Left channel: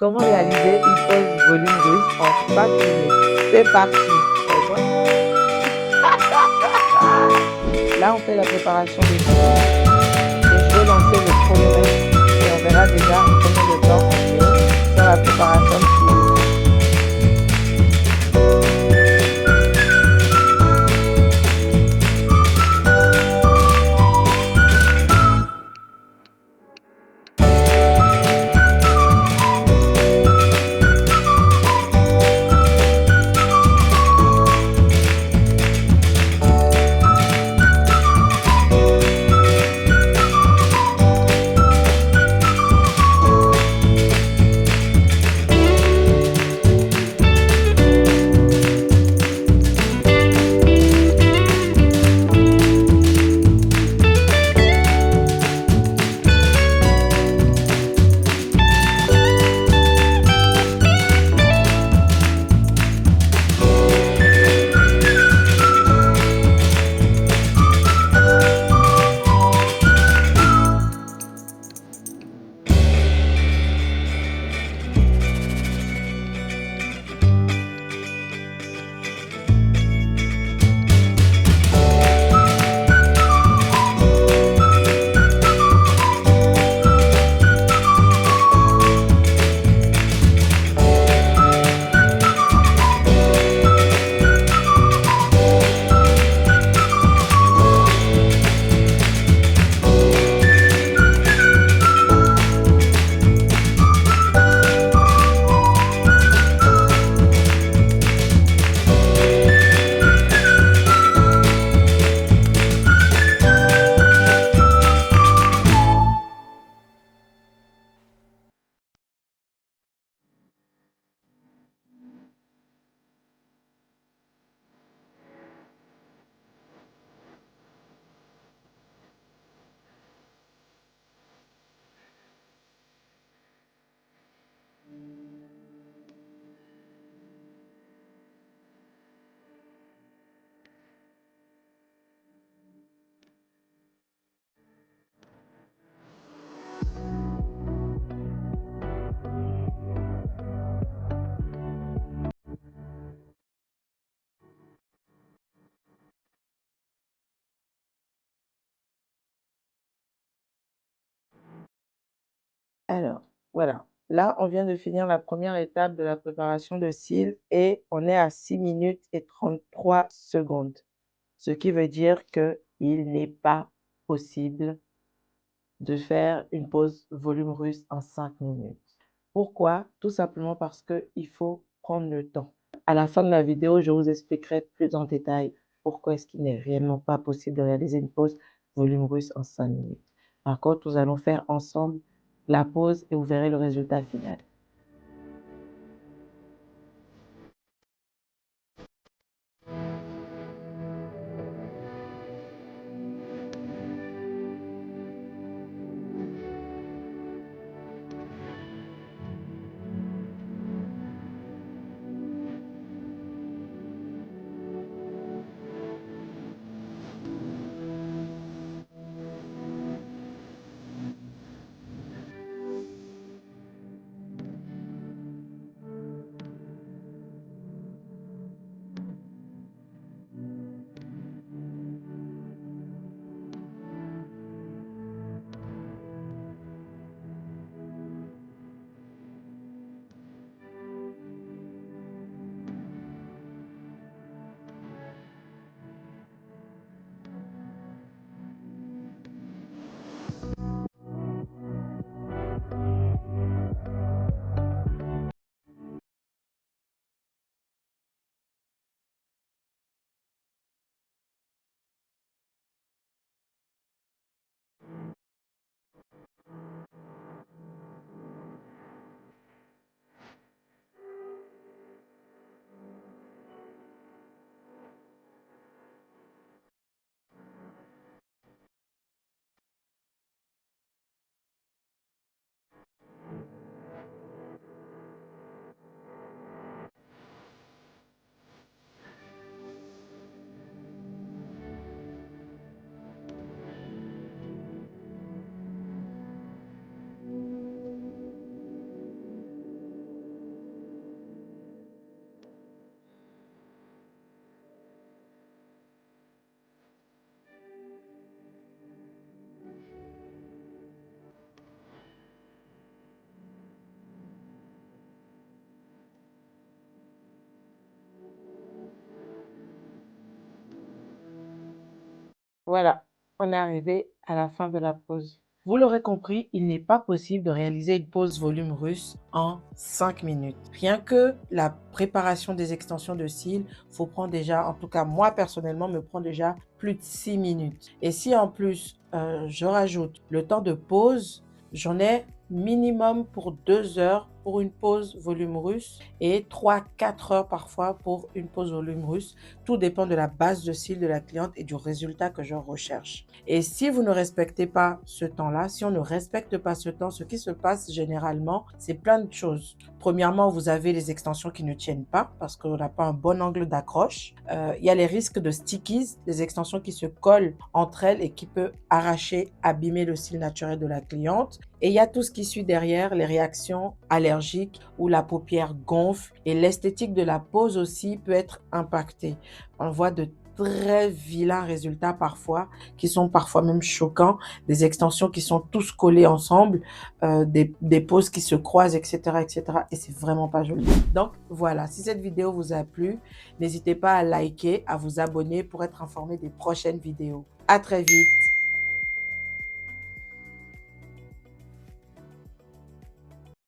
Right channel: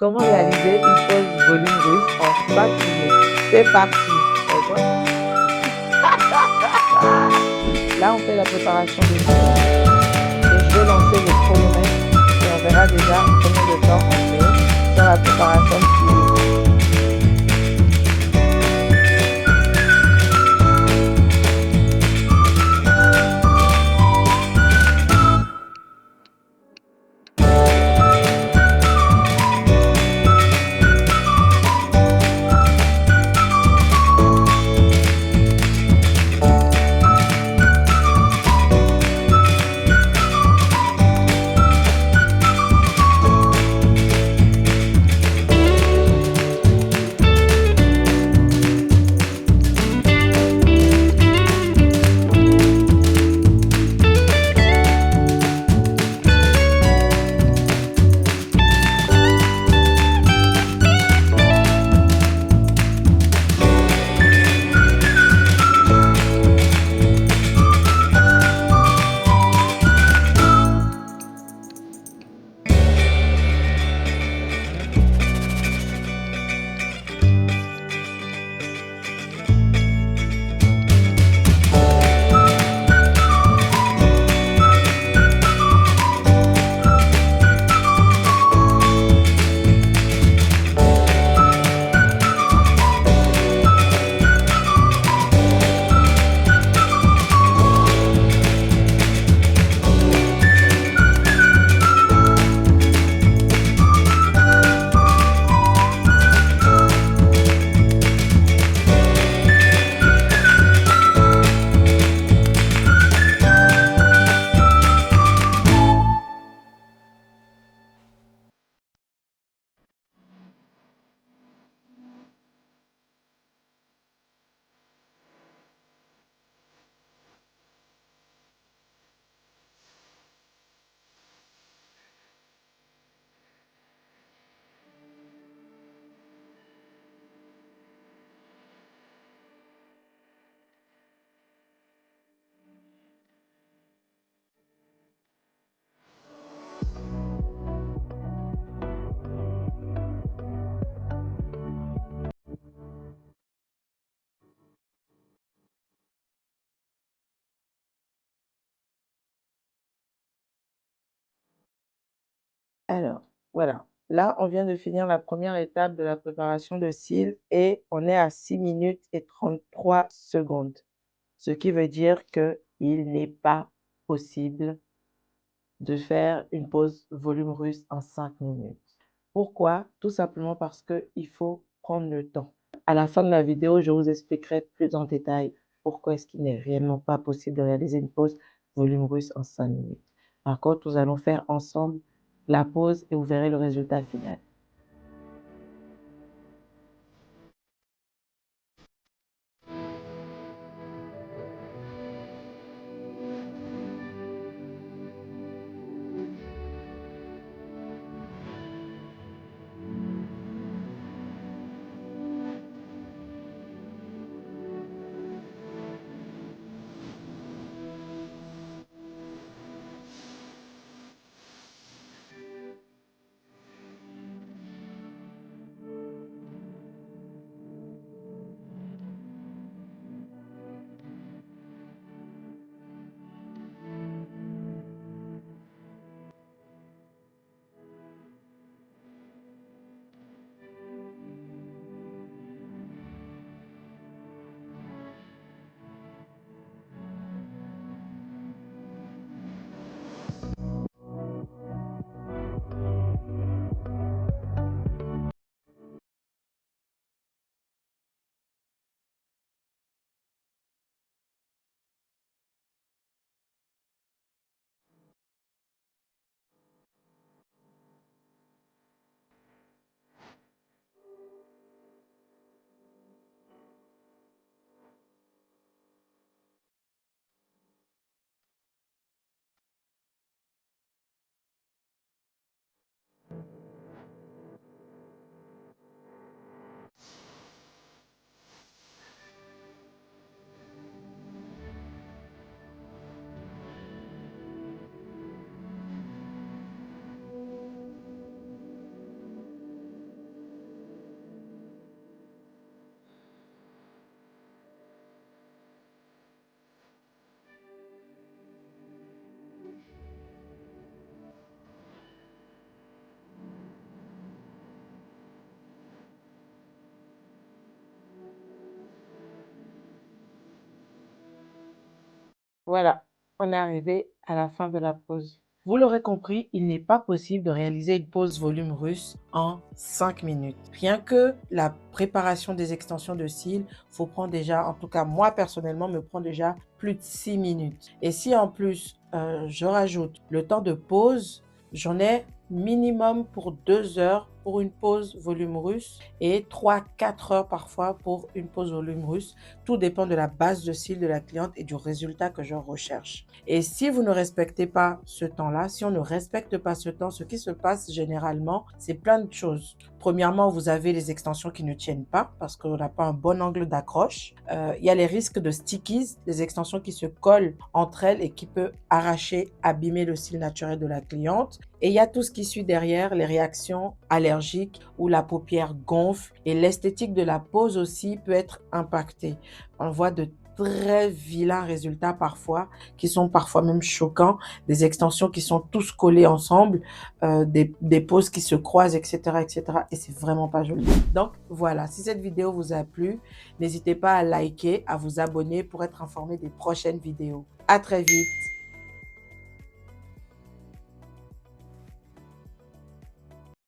Comment réaliser une pause volume russe en 5 minutes? C'est parti. Là, on fait la préparation des films. Et je vais lancer le chronomètre et on verra déjà combien de temps on met sur la préparation de film. Alors, voilà. Là, on vient de finir la première étape de la préparation de cils et on est à 6 minutes et 33 secondes. Ce qui veut dire qu'il n'est pas possible de faire une pause volume russe en 5 minutes. Pourquoi? Tout simplement parce qu'il faut prendre le temps. À la fin de la vidéo, je vous expliquerai plus en détail pourquoi est-ce qu'il n'est réellement pas possible de réaliser une pause volume russe en 5 minutes. Par contre, nous allons faire ensemble la pause et vous verrez le résultat final. Voilà, on est arrivé à la fin de la pause. Vous l'aurez compris, il n'est pas possible de réaliser une pause volume russe en 5 minutes. Rien que la préparation des extensions de cils, faut prendre déjà, en tout cas moi personnellement, me prend déjà plus de 6 minutes. Et si en plus, je rajoute le temps de pause, j'en ai minimum pour 2 heures pour une pause volume russe et 3-4 heures parfois pour une pause volume russe. Tout dépend de la base de cils de la cliente et du résultat que je recherche. Et si vous ne respectez pas ce temps-là, si on ne respecte pas ce temps, ce qui se passe généralement, c'est plein de choses. Premièrement, vous avez les extensions qui ne tiennent pas parce qu'on n'a pas un bon angle d'accroche. Il y a les risques de stickies, des extensions qui se collent entre elles et qui peuvent arracher, abîmer le cil naturel de la cliente. Et il y a tout ce qui suit derrière, les réactions allergiques où la paupière gonfle et l'esthétique de la pose aussi peut être impactée. On voit de très vilains résultats parfois, qui sont parfois même choquants, des extensions qui sont tous collées ensemble, des poses qui se croisent, etc., etc. Et c'est vraiment pas joli. Donc voilà, si cette vidéo vous a plu, n'hésitez pas à liker, à vous abonner pour être informé des prochaines vidéos. À très vite.